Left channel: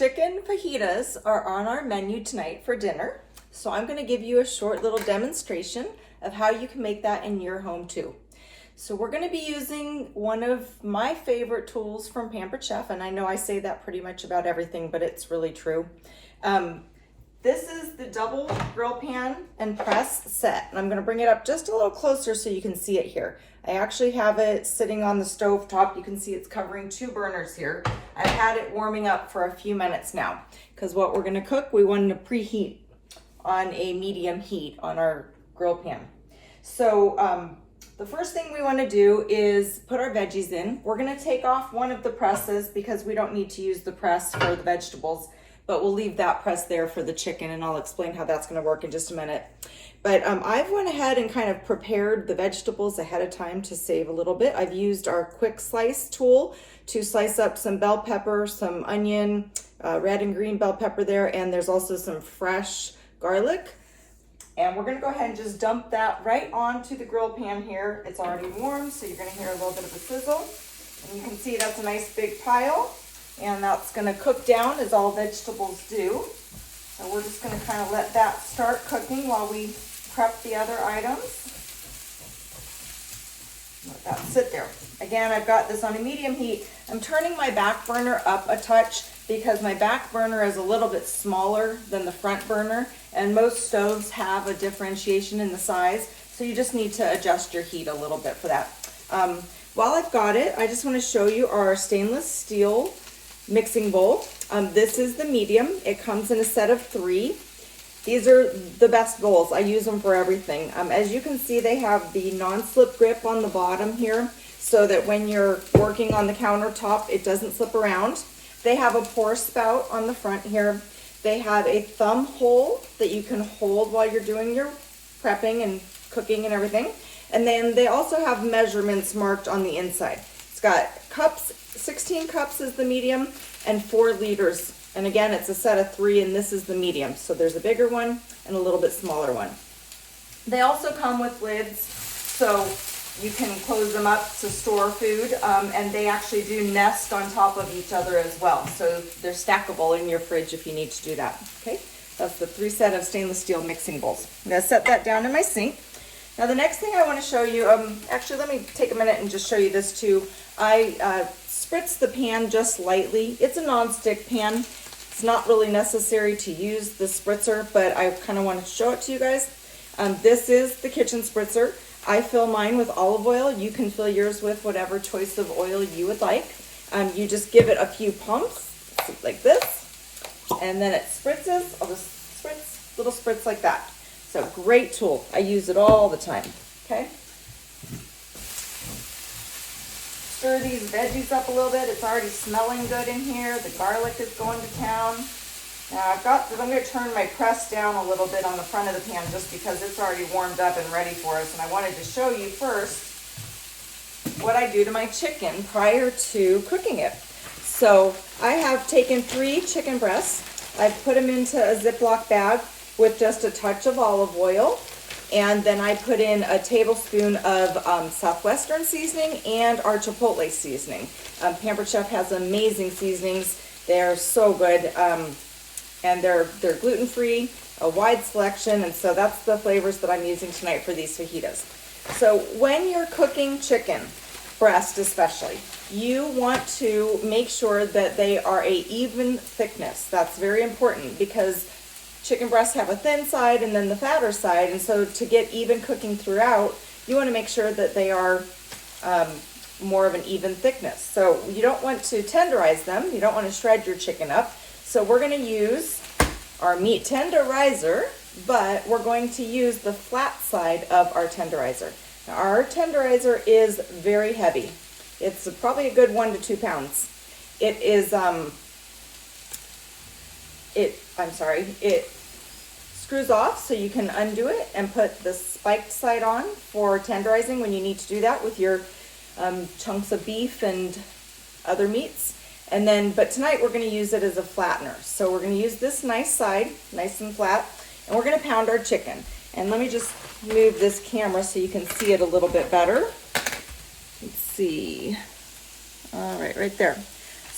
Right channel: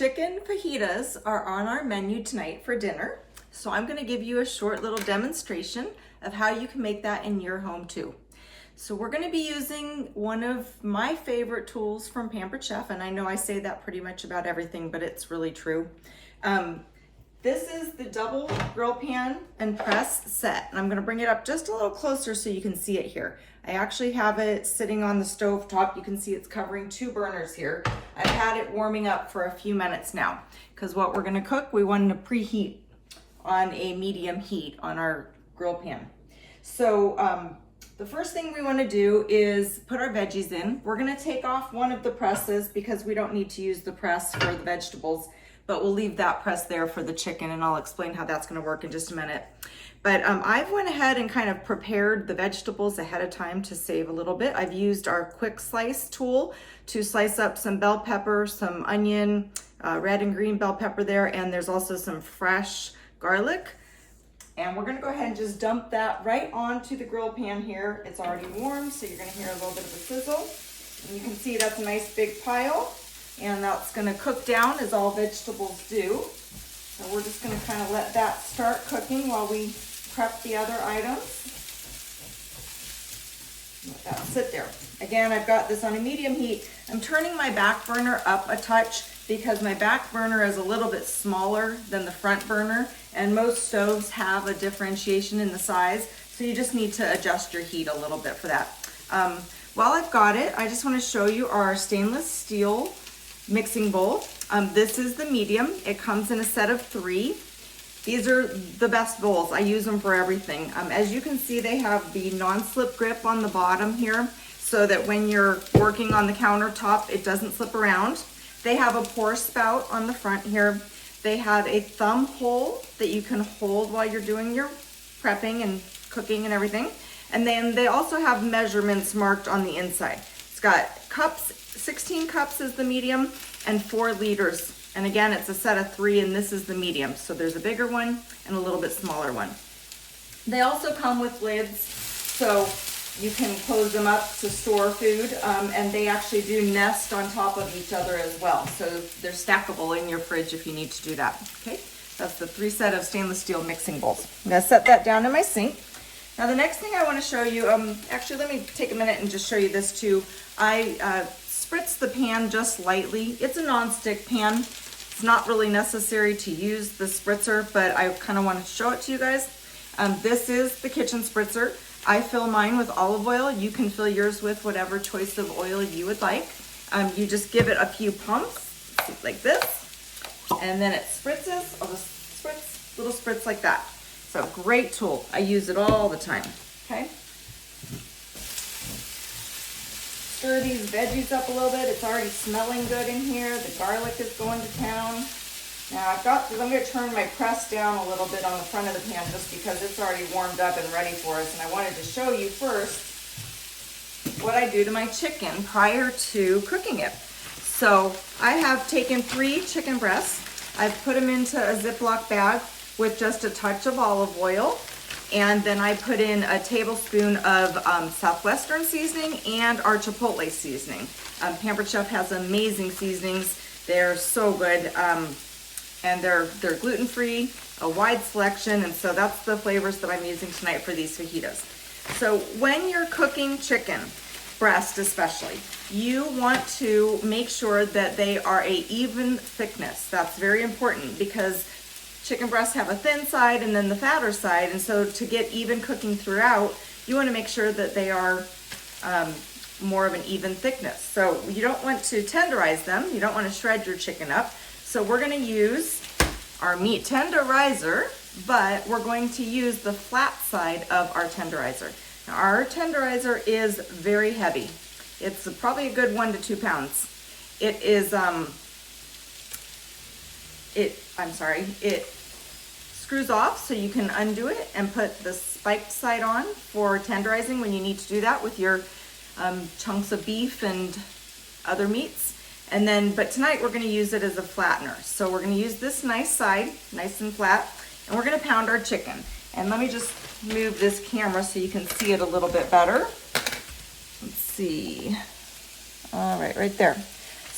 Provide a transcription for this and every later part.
Chicken fajitas are on our menu tonight for dinner. So I'm gonna give you a short little demonstration of how you can make that in your home too. So we're gonna be using one of my favorite tools from Pampered Chef, and I know I say that pretty much about everything, but it's really true. This is the double grill pan and press set, and I'm gonna bring it up just a little closer so you can see it here. I actually have it sitting on the stove top. You can see it's covering 2 burners here. I've had it warming up for a few minutes now, because what we're gonna cook, we want to preheat on a medium heat on our grill pan. So the first thing we wanna do is put our veggies in. We're gonna take off one of the presses because we don't need to use the press for the vegetables, but we'll leave that press there for the chicken, and I'll explain how that's gonna work in just a minute. But I've went ahead and kind of prepared the vegetables ahead of time to save a little bit. I've used our quick slice tool to slice up some bell pepper, some onion, red and green bell pepper there, and there's also some fresh garlic. And we're gonna go ahead and just dump that right onto the grill pan here. It's already warm, so you're gonna hear a little bit of a sizzle. And you can see that's a nice big pile, and that's gonna cook down as all vegetables do. So we're just gonna kind of let that start cooking while we prep the other items. Let that sit there. Again, I've got this on a medium heat. I'm turning my back burner up a touch because my back burner is a little bit smaller than the front burner, and most stoves have a differentiation in the size, so you just need to adjust your heat a little bit for that. While I've got it, I just want to show you our stainless steel mixing bowl. This is the medium. It comes in a set of 3. These are the best bowls. I use them for everything. As you can see, they have the non-slip grip on the bottom here so that when you're working on the countertop, it doesn't slip around. They have a pour spout on the front here. They have a thumb hole that you can hold while you're doing your prepping and cooking and everything. And then they also have measurements marked on the inside. It's got cups, 16 cups is the medium, and 4 liters. And again, it's a set of 3, and this is the medium. So there's a bigger one and a little bit smaller one. They also come with lids, so you can close them up to store food, and they actually do nest on top of each other as well. So they're stackable in your fridge if you need to do that, okay? That's the 3 set of stainless steel mixing bowls. I'm gonna set that down in my sink. Now the next thing I wanna show you, actually let me take a minute and just show you this too. I spritz the pan just lightly. It's a non-stick pan. It's not really necessary to use the spritzer, but I kind of want to show it to you guys. This is the kitchen spritzer. I fill mine with olive oil. You can fill yours with whatever choice of oil you would like. You just give it a few pumps like this, and then it spritzes. I'll just spritz, little spritz like that. So great tool. I use it all the time, okay? Stir these veggies up a little bit. It's already smelling good in here. The garlic is going to town. Now I'm going to turn my press down a little bit on the front of the pan just because it's already warmed up and ready for us. And I wanted to show you first what I do to my chicken prior to cooking it. So I have taken 3 chicken breasts. I've put them into a Ziploc bag with just a touch of olive oil. And then I put in a tablespoon of Southwestern seasoning and our Chipotle seasoning. Pampered Chef has amazing seasonings. They're so good. And they're gluten-free, a wide selection, and so that's the flavors that I'm using tonight for these fajitas. So when you're cooking chicken, breast especially, you want to make sure that they are a even thickness. That's very important because chicken breasts have a thin side and then the fatter side, and so to get even cooking throughout, you want to make sure that they are more of an even thickness. So you don't want to tenderize them. You don't want to shred your chicken up. So we're going to use our meat tenderizer, but we're going to use the flat side of our tenderizer. Now, our tenderizer is very heavy. It's probably a good 1 to 2 pounds. It is, it screws off so you can undo it and put the spiked side on for tenderizing when you need to do that with your chunks of beef and other meats. And then, but tonight we're going to use it as a flattener. So we're going to use this nice side, nice and flat, and we're going to pound our chicken. And let me just move this camera so you can see it a little bit better. Let's see. All right, right there.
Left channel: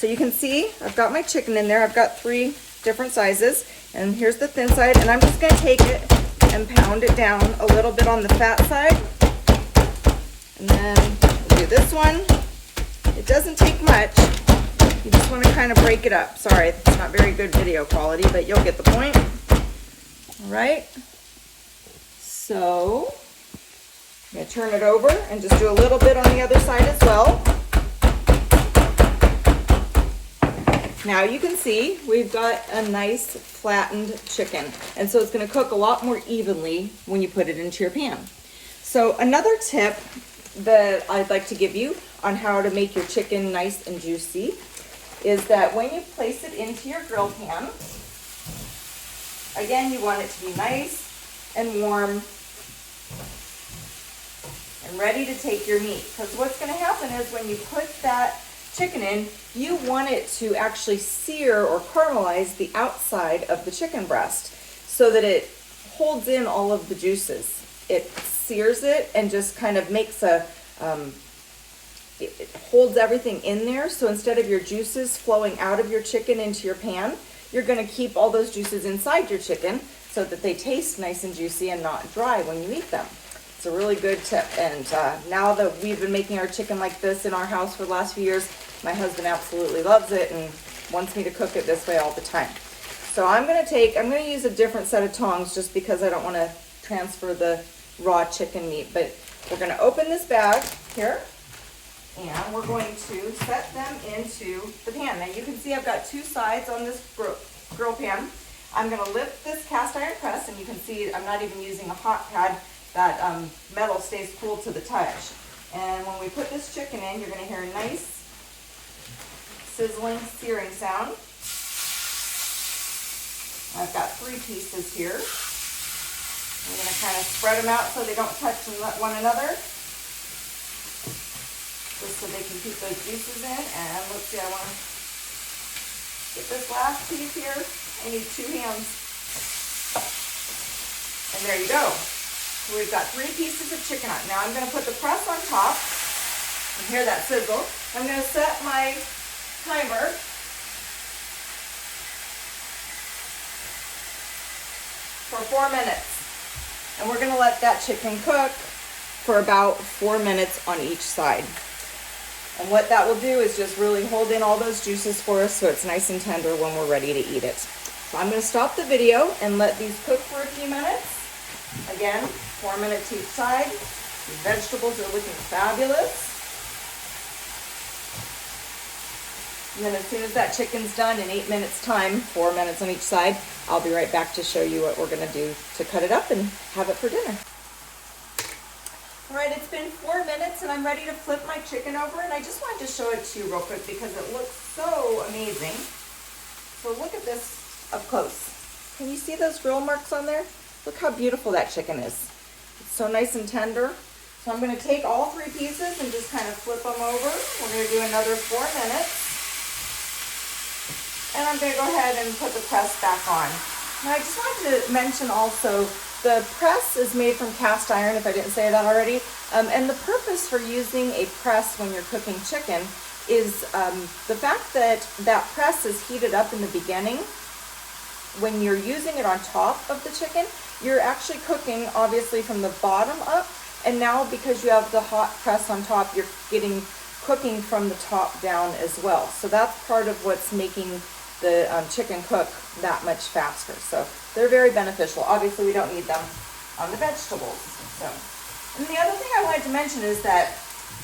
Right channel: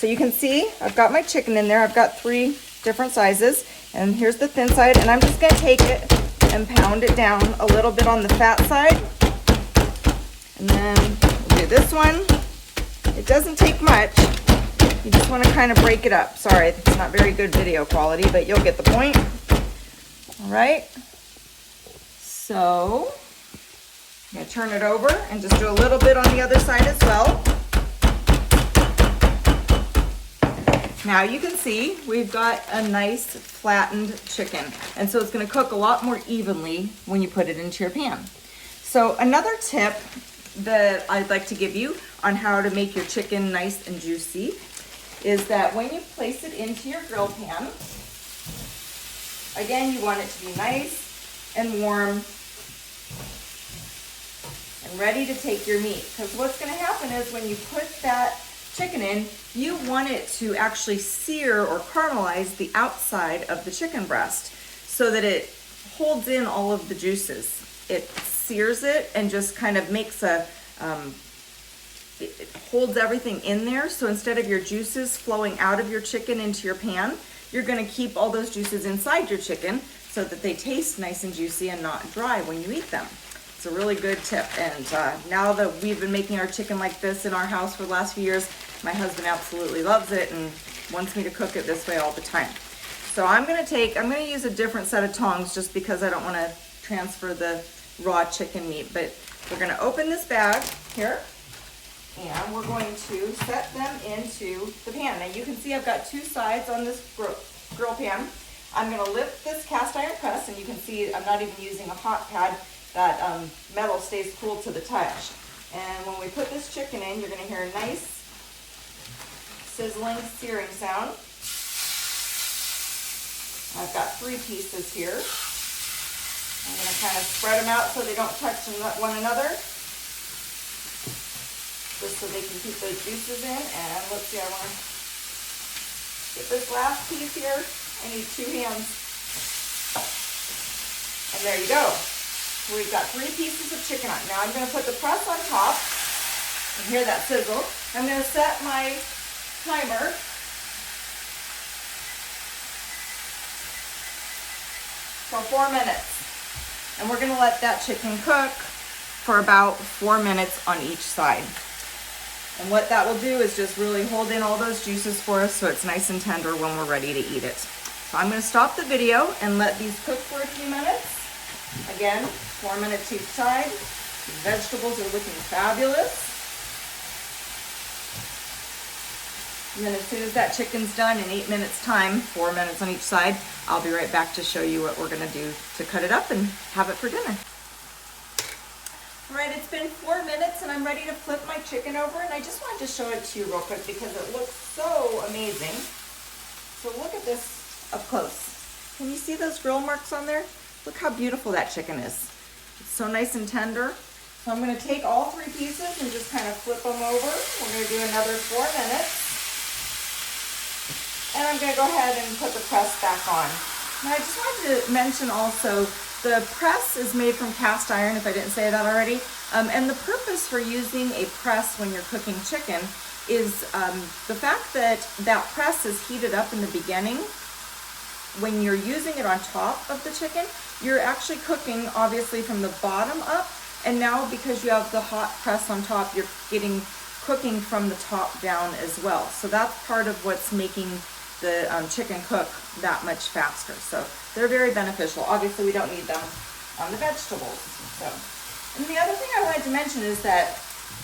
So you can see I've got my chicken in there. I've got 3 different sizes, and here's the thin side, and I'm just gonna take it and pound it down a little bit on the fat side. And then we'll do this one. It doesn't take much. You just want to kind of break it up. Sorry, it's not very good video quality, but you'll get the point. All right. So I'm going to turn it over and just do a little bit on the other side as well. Now you can see we've got a nice flattened chicken, and so it's going to cook a lot more evenly when you put it into your pan. So another tip that I'd like to give you on how to make your chicken nice and juicy is that when you place it into your grill pan, again, you want it to be nice and warm and ready to take your meat. Because what's going to happen is when you put that chicken in, you want it to actually sear or caramelize the outside of the chicken breast so that it holds in all of the juices. It sears it and just kind of makes a, it holds everything in there. So instead of your juices flowing out of your chicken into your pan, you're going to keep all those juices inside your chicken so that they taste nice and juicy and not dry when you eat them. It's a really good tip. And now that we've been making our chicken like this in our house for the last few years, my husband absolutely loves it and wants me to cook it this way all the time. So I'm going to use a different set of tongs just because I don't want to transfer the raw chicken meat. But we're going to open this bag here and we're going to set them into the pan. Now you can see I've got 2 sides on this grill pan. I'm going to lift this cast iron press, and you can see I'm not even using a hot pad. That metal stays cool to the touch. And when we put this chicken in, you're going to hear a nice sizzling, searing sound. I've got 3 pieces here. I'm going to kind of spread them out so they don't touch one another, just so they can keep those juices in. And let's see, I want to get this last piece here. I need 2 hands. And there you go. So we've got 3 pieces of chicken on. Now I'm going to put the press on top. You can hear that sizzle. I'm going to set my timer for 4 minutes. And we're going to let that chicken cook for about 4 minutes on each side. And what that will do is just really hold in all those juices for us so it's nice and tender when we're ready to eat it. So I'm going to stop the video and let these cook for a few minutes. Again, 4 minutes each side. The vegetables are looking fabulous. And then as soon as that chicken's done in 8 minutes time, 4 minutes on each side, I'll be right back to show you what we're going to do to cut it up and have it for dinner. All right, it's been 4 minutes and I'm ready to flip my chicken over, and I just wanted to show it to you real quick because it looks so amazing. So look at this up close. Can you see those grill marks on there? Look how beautiful that chicken is. It's so nice and tender. So I'm going to take all 3 pieces and just kind of flip them over. We're going to do another 4 minutes. And I'm going to go ahead and put the press back on. Now I just wanted to mention also, the press is made from cast iron, if I didn't say that already. And the purpose for using a press when you're cooking chicken is the fact that that press is heated up in the beginning. When you're using it on top of the chicken, you're actually cooking obviously from the bottom up. And now because you have the hot press on top, you're getting cooking from the top down as well. So that's part of what's making the chicken cook that much faster. So they're very beneficial. Obviously we don't need them on the vegetables. So, and the other thing I wanted to mention is that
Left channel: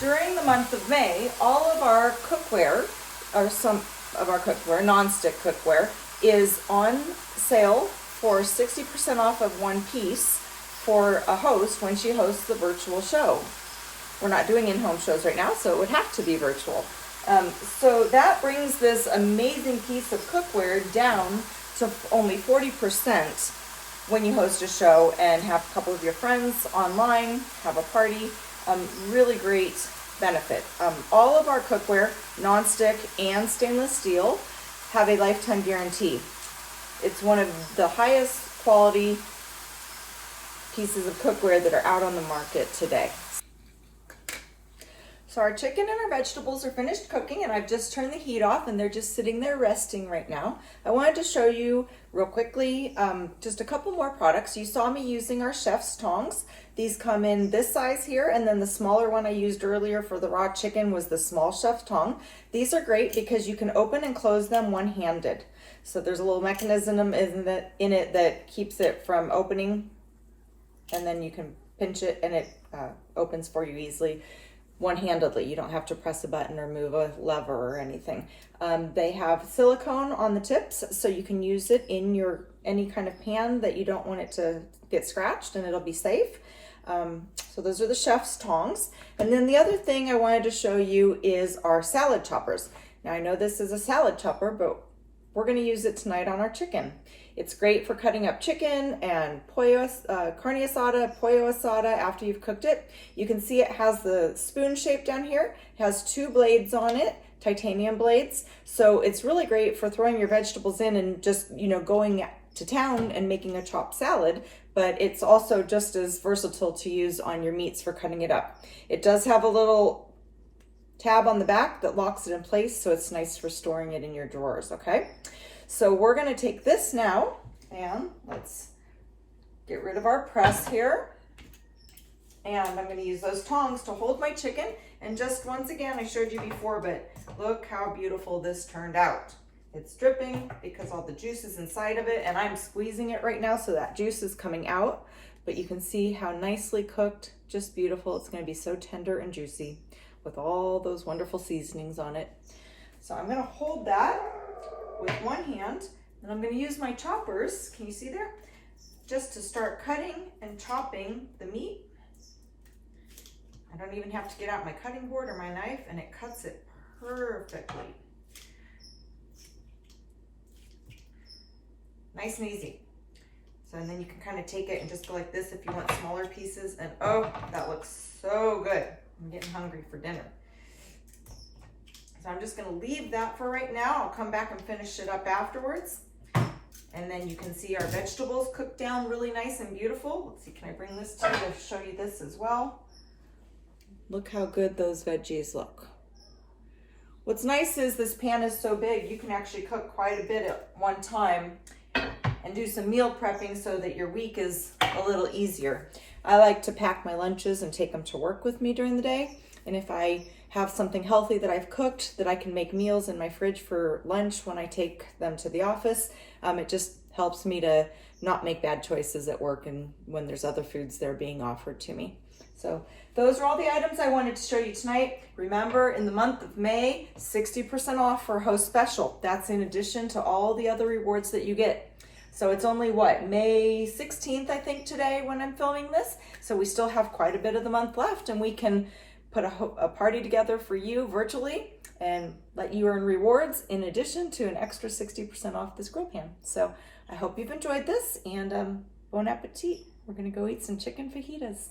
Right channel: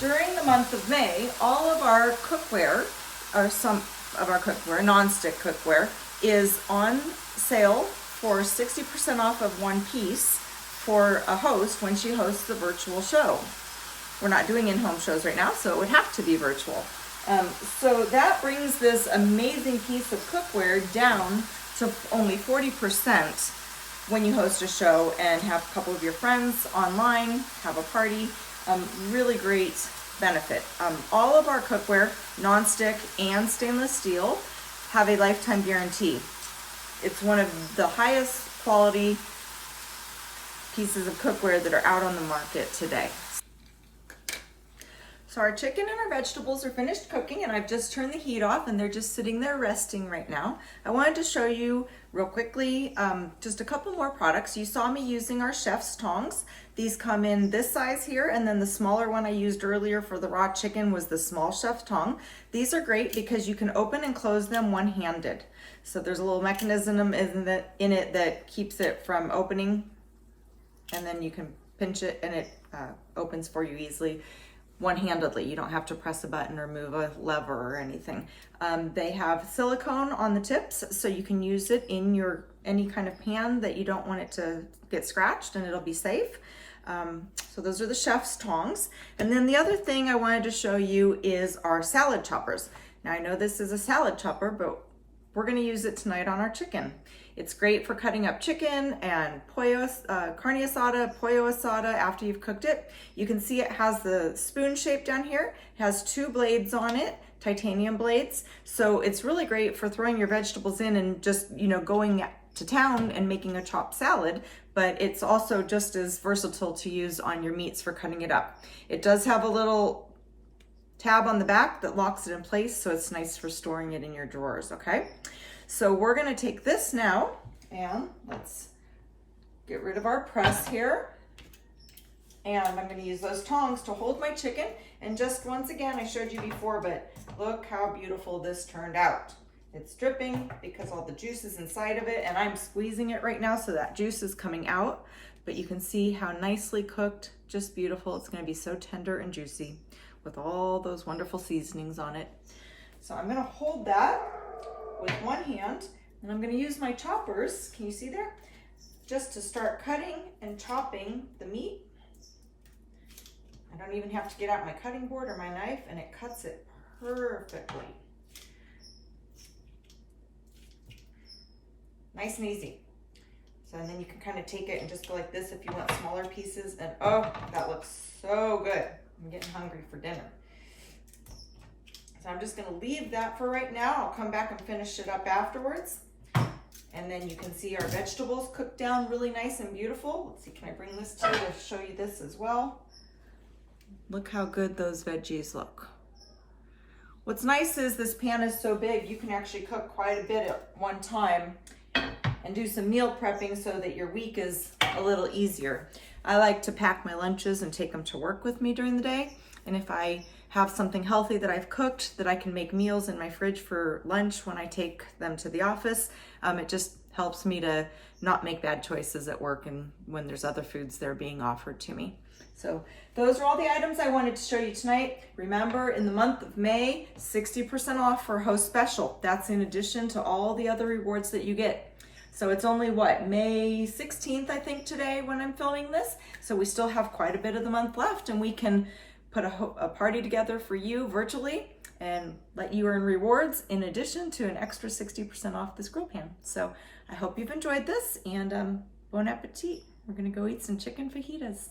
during the month of May, all of our cookware, or some of our cookware, non-stick cookware, is on sale for 60% off of 1 piece for a host when she hosts the virtual show. We're not doing in-home shows right now, so it would have to be virtual. So that brings this amazing piece of cookware down to only 40% when you host a show and have a couple of your friends online, have a party. Really great benefit. All of our cookware, non-stick and stainless steel, have a lifetime guarantee. It's one of the highest quality pieces of cookware that are out on the market today. So our chicken and our vegetables are finished cooking, and I've just turned the heat off and they're just sitting there resting right now. I wanted to show you real quickly just a couple more products. You saw me using our chef's tongs. These come in this size here, and then the smaller one I used earlier for the raw chicken was the small chef's tong. These are great because you can open and close them one-handed. So there's a little mechanism in it that keeps it from opening, and then you can pinch it and it opens for you easily one-handedly. You don't have to press a button or move a lever or anything. They have silicone on the tips, so you can use it in your any kind of pan that you don't want it to get scratched, and it'll be safe. So those are the chef's tongs. And then the other thing I wanted to show you is our salad choppers. Now I know this is a salad chopper, but we're going to use it tonight on our chicken. It's great for cutting up chicken and carne asada, pollo asada after you've cooked it. You can see it has the spoon shape down here. It has 2 blades on it, titanium blades. So it's really great for throwing your vegetables in and just, going to town and making a chopped salad, but it's also just as versatile to use on your meats for cutting it up. It does have a little tab on the back that locks it in place, so it's nice for storing it in your drawers, okay? So we're gonna take this now and let's get rid of our press here. And I'm gonna use those tongs to hold my chicken. And just once again, I showed you before, but look how beautiful this turned out. It's dripping because all the juice is inside of it, and I'm squeezing it right now so that juice is coming out. But you can see how nicely cooked, just beautiful. It's gonna be so tender and juicy with all those wonderful seasonings on it. So I'm gonna hold that with one hand, and I'm going to use my choppers, can you see there? Just to start cutting and chopping the meat. I don't even have to get out my cutting board or my knife, and it cuts it perfectly. Nice and easy. So, and then you can kind of take it and just go like this if you want smaller pieces, and oh, that looks so good. I'm getting hungry for dinner. So I'm just gonna leave that for right now. I'll come back and finish it up afterwards. And then you can see our vegetables cooked down really nice and beautiful. Let's see, can I bring this to you to show you this as well? Look how good those veggies look. What's nice is this pan is so big, you can actually cook quite a bit at one time and do some meal prepping so that your week is a little easier. I like to pack my lunches and take them to work with me during the day. And if I have something healthy that I've cooked that I can make meals in my fridge for lunch when I take them to the office, it just helps me to not make bad choices at work and when there's other foods that are being offered to me. So those are all the items I wanted to show you tonight. Remember, in the month of May, 60% off for Host Special. That's in addition to all the other rewards that you get. So it's only May 16th, I think, today when I'm filming this. So we still have quite a bit of the month left, and we can put a party together for you virtually and let you earn rewards in addition to an extra 60% off this grill pan. So I hope you've enjoyed this, and bon appetit. We're gonna go eat some chicken fajitas.